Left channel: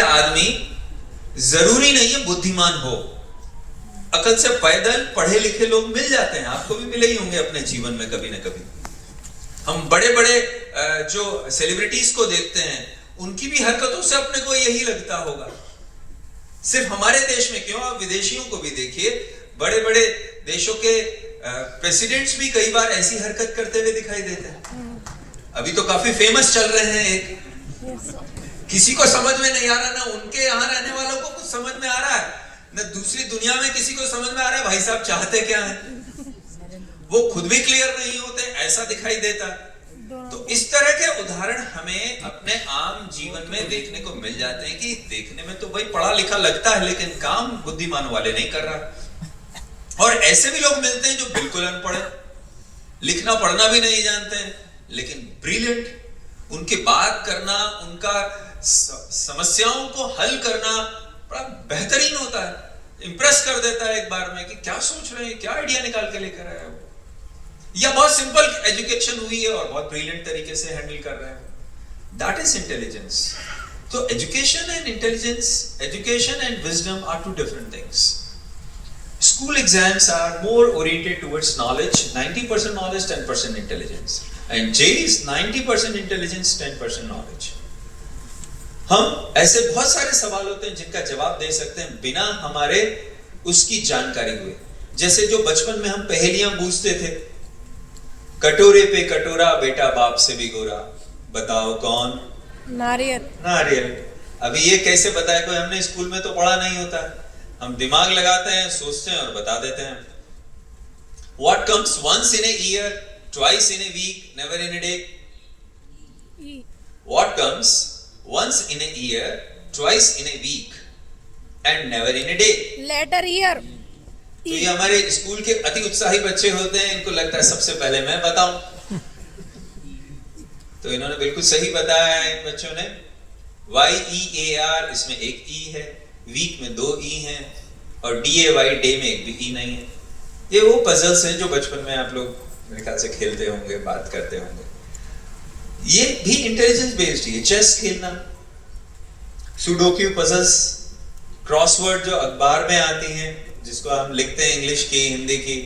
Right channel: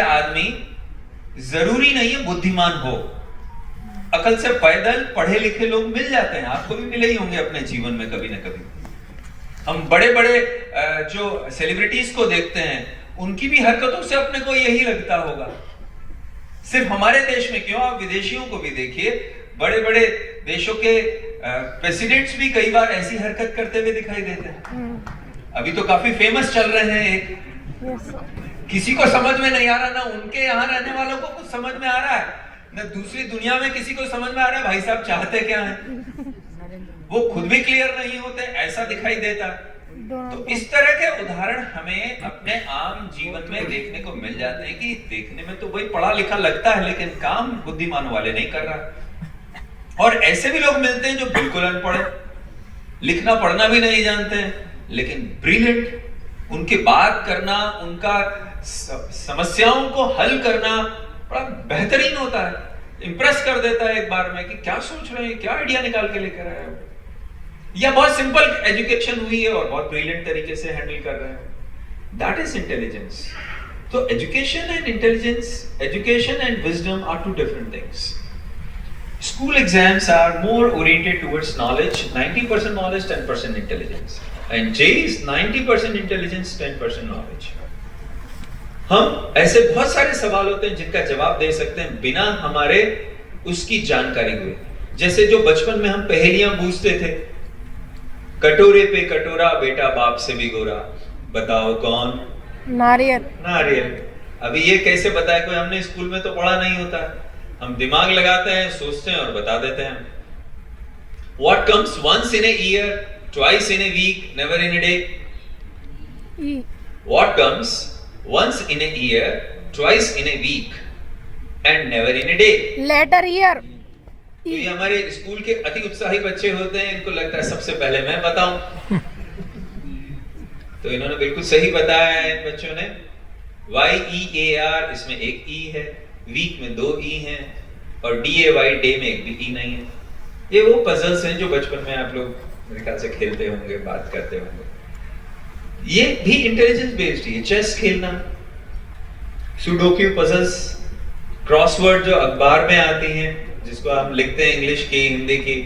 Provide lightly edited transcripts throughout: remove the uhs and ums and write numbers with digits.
आदमी जरूरी नहीं है बुद्धिमान हो। अकल से पैदल पढ़े लिखे लोग मिल जाते हैं, आपको भी मिले ही होंगे अपने जीवन में कभी ना कभी। हम बड़े बड़े जो सेलिब्रिटीज को देखते हैं, उनकी भी हरकतों से अपने को यही लगता होगा। सिर्फ हमारे देश में क्यों, आप विदेशियों को भी देखिए, बड़े बड़े देशों के प्रेसिडेंट्स भी कई बार ऐसी हरकत करते हुए दिखाई देते हैं। अभी तो काफी फेमस चल रहे हैं एक, किसी को समझ में नहीं आ रहा, ना उनके यहाँ रहने वालों को कुछ समझ में आ रहा है, ना दूसरी दुनिया में किसी को समझ में आ रहा है भाई साहब चाहते क्या है। वो खुद भी क्लियर नहीं होते, ऐसा दिखाई देता। तो इस तरह के उदाहरण हमें अपने आम जीवन में देखने को मिल जाते हैं कि देखने में तो भाई पढ़ा लिखा लगता है, लेकिन काम बुद्धिमान वाले नहीं कर रहा। और ऐसे भी लोग मिलते हैं जो बिल्कुल अनपढ़, लिखना पढ़ना भी नहीं जानते हैं, लेकिन ब्रिलियंट। उनकी बात करना, उनका समस्याओं को हल करना बड़ा बेहतरीन होता है, इंप्रेस कर देता है एक बार में कि क्या सोच रहे हैं, क्या आइडिया निकाल के लेकर आए हैं। या बहुत सिंपल एजुकेशन हुई है और बहुत ब्रिलियंट तरीके से हैंडल कर रहे हैं। That is intelligence. तो education and intelligence, education and wisdom are two different things. School exams are more oriented towards knowledge, 90% knowledge, 10% intelligence. And J is 90% intelligence, 10% knowledge. हम ऐसे बहुत सारे सवाल होते हैं जिनका जवाब दे सकते हैं बिना हमारे उसकी जानकारी हुए। जैसे जो बचपन में हम पहेलियां पूछते थे, कटोरे पे कटोरा बेटा बाप से भी गोरा, बताओ कौन? नारियल। नारियल। अभी ये कैसे बताए कोई, हमने स्कूल में तो पढ़ा नहीं होता। हम दिमाग लगाते हैं, सोचते हैं और बता देते हैं। What comes once in a year, twice in a week, never in a day? What comes once in a year, twice in a week, and never in a day? Later year. तो ये हमारे school के अति उत्साही बच्चे होते हैं, इनको लगता है सबसे पहले मैं बताऊं। तो इन्होंने बिल्कुल सही बताया है इन बच्चों ने। YEAR, इसमें एक ई है, वीक में 2 ई हैं, और DAY डे में एक भी ई नहीं है। ये वो पजल्स हैं जो बचपन में आप लोग मेरे ख्याल से खेलते होंगे, बात करते होंगे। ये भी इंटेलिजेंस बेस्ड है। चेस खेलना, सुडोक्यू पजल्स, क्रॉसवर्ड जो अखबार में आती हैं, जिसको हम लिखते हैं इंग्लिश की, हिंदी की,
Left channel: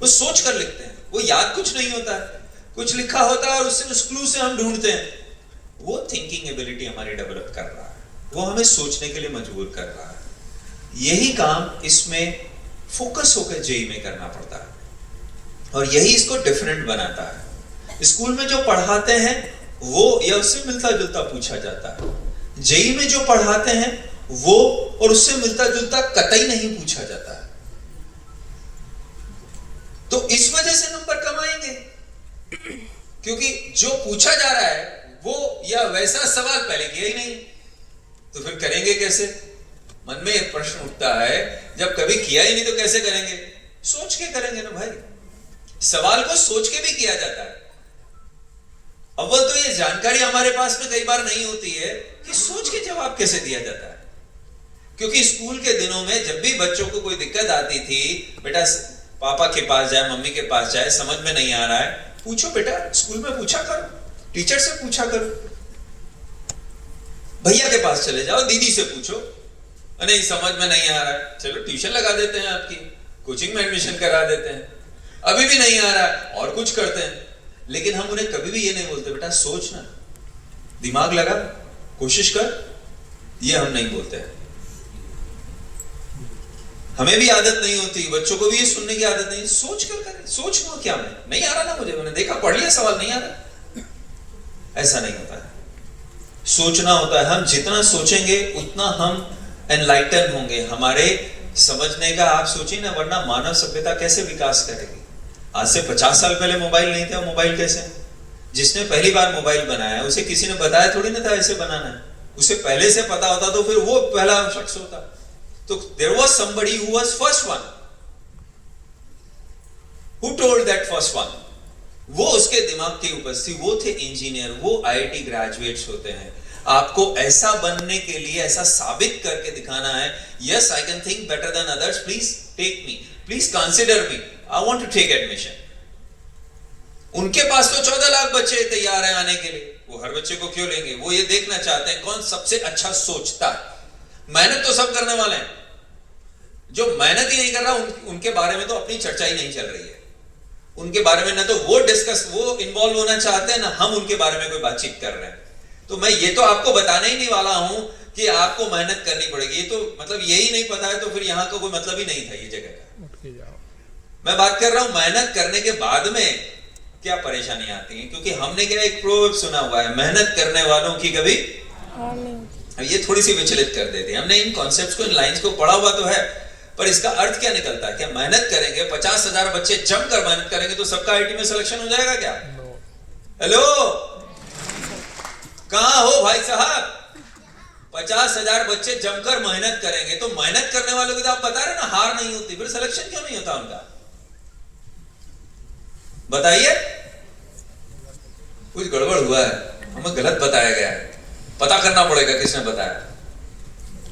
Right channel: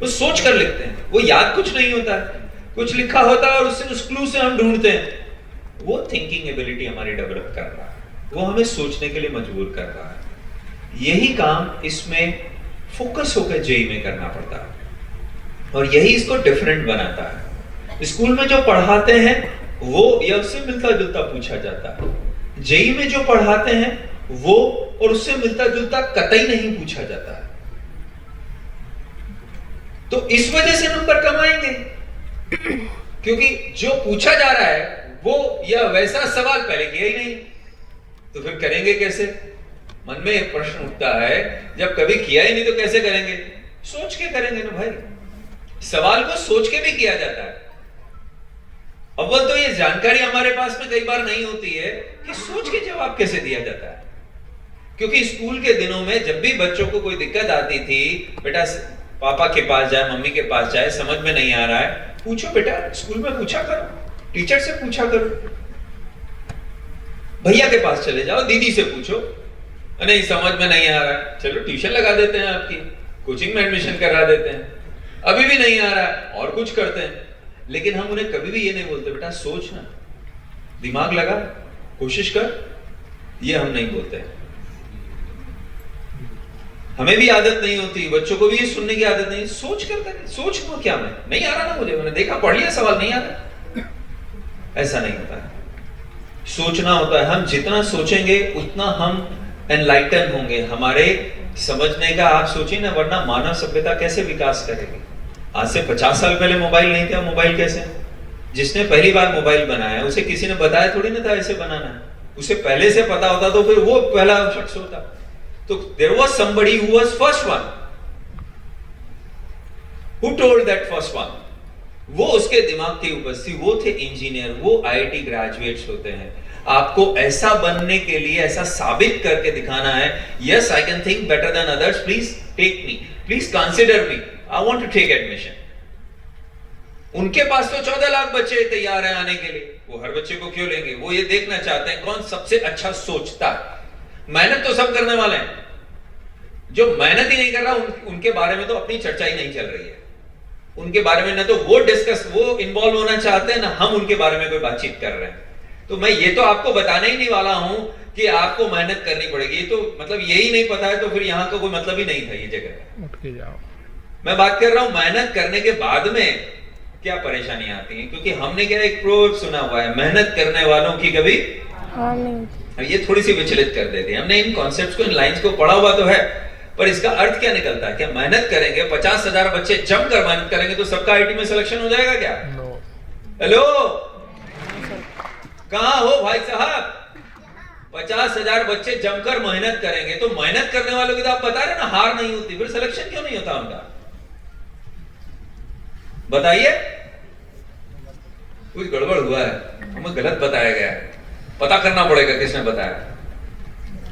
वो सोच कर लिखते हैं। वो याद कुछ नहीं होता, कुछ लिखा होता है और उससे उस क्लू से हम ढूंढते हैं। वो थिंकिंग एबिलिटी हमारी डेवलप कर रहा है, वो हमें सोचने के लिए मजबूर कर रहा है। यही काम इसमें फोकस होकर जेई में करना पड़ता है, और यही इसको डिफरेंट बनाता है। स्कूल में जो पढ़ाते हैं वो या उससे मिलता जुलता पूछा जाता है। जेई में जो पढ़ाते हैं वो और उससे मिलता जुलता कतई नहीं पूछा जाता है। तो इस वजह से नंबर कम आएंगे, क्योंकि जो पूछा जा रहा है वो या वैसा सवाल पहले किया ही नहीं, तो फिर करेंगे कैसे? मन में एक प्रश्न उठता है, जब कभी किया ही नहीं तो कैसे करेंगे? सोच के करेंगे ना भाई। सवाल को सोच के भी किया जाता है। अव्वल तो ये जानकारी हमारे पास में कई बार नहीं होती है कि सोच के जवाब कैसे दिया जाता है। क्योंकि स्कूल के दिनों में जब भी बच्चों को कोई दिक्कत आती थी, बेटा पापा के पास जाए, मम्मी के पास जाए, समझ में नहीं आ रहा है, पूछो बेटा, स्कूल में पूछा करो, टीचर से पूछा करो, भैया के पास चले जाओ, दीदी से पूछो। नहीं समझ में नहीं आ रहा है, चलो ट्यूशन लगा देते हैं, आपकी कोचिंग में एडमिशन करा देते हैं। अभी भी नहीं आ रहा है, और कुछ करते हैं। लेकिन हम उन्हें कभी भी ये नहीं बोलते बेटा सोच ना, दिमाग लगा, कोशिश कर, ये हम नहीं बोलते हैं। हमें भी आदत नहीं होती, बच्चों को भी ये सुनने की आदत नहीं। सोच कर करें, सोच लो क्या, मैं नहीं आ रहा ना, मुझे, मैंने देखा, पढ़ लिया, सवाल नहीं आ रहा, ऐसा नहीं होता है। सोचना होता है। हम जितना सोचेंगे उतना हम एनलाइटन होंगे, हमारे समझने का, आप सोचिए ना, वरना मानव सभ्यता कैसे विकास करेगी? आज से 50 साल पहले मोबाइल नहीं था, मोबाइल कैसे? जिसने पहली बार मोबाइल बनाया उसे किसी ने बताया थोड़ी ना था ऐसे बनाना है, उसे पहले से पता होता तो फिर वो पहला शख्स होता। तो there was somebody who was first one, who told that first one, वो उसके दिमाग के ऊपर थी, वो थे इंजीनियर, वो आईआईटी ग्रेजुएट्स होते हैं। आपको ऐसा बनने के लिए ऐसा साबित करके दिखाना है, yes I can think better than others, please take me, please consider me, I want to take admission. उनके पास तो 14 लाख बच्चे तैयार हैं आने के लिए, वो हर बच्चे को क्यों लेंगे? वो ये देखना चाहते हैं कौन सबसे अच्छा सोचता है। मेहनत तो सब करने वाले हैं, जो मेहनत ही नहीं कर रहा उनके बारे में तो अपनी चर्चा ही नहीं चल रही है। उनके बारे में ना तो वो इन्वॉल्व होना चाहते हैं, ना हम उनके बारे में कोई बातचीत कर रहे हैं। तो मैं ये तो आपको बताने ही नहीं वाला हूं कि आपको मेहनत करनी पड़ेगी। ये तो मतलब यही नहीं पता है तो फिर यहां का कोई मतलब ही नहीं था ये जगह का। उठ के जाओ। मैं बात कर रहा हूं मेहनत करने के बाद में क्या परेशानियां आती हैं, क्योंकि हमने क्या एक प्रोवर्ब सुना हुआ है, मेहनत करने वालों की कभी हार नहीं होती। ये थोड़ी सी विचलित कर देती है। हमने इन कॉन्सेप्ट्स को, इन लाइंस को पढ़ा हुआ तो है, पर इसका अर्थ क्या निकलता है? क्या मेहनत करेंगे 50,000 बच्चे जमकर मेहनत करेंगे तो सबका आईटी में सिलेक्शन हो जाएगा क्या? नो। हेलो, कहां हो भाई साहब? 50,000 बच्चे जमकर मेहनत करेंगे तो मेहनत करने वालों की तो आप बता रहे ना हार नहीं होती, फिर सिलेक्शन क्यों नहीं होता उनका? बताइए, कुछ गड़बड़ हुआ है, हमें गलत बताया गया है, पता करना पड़ेगा किसने बताया।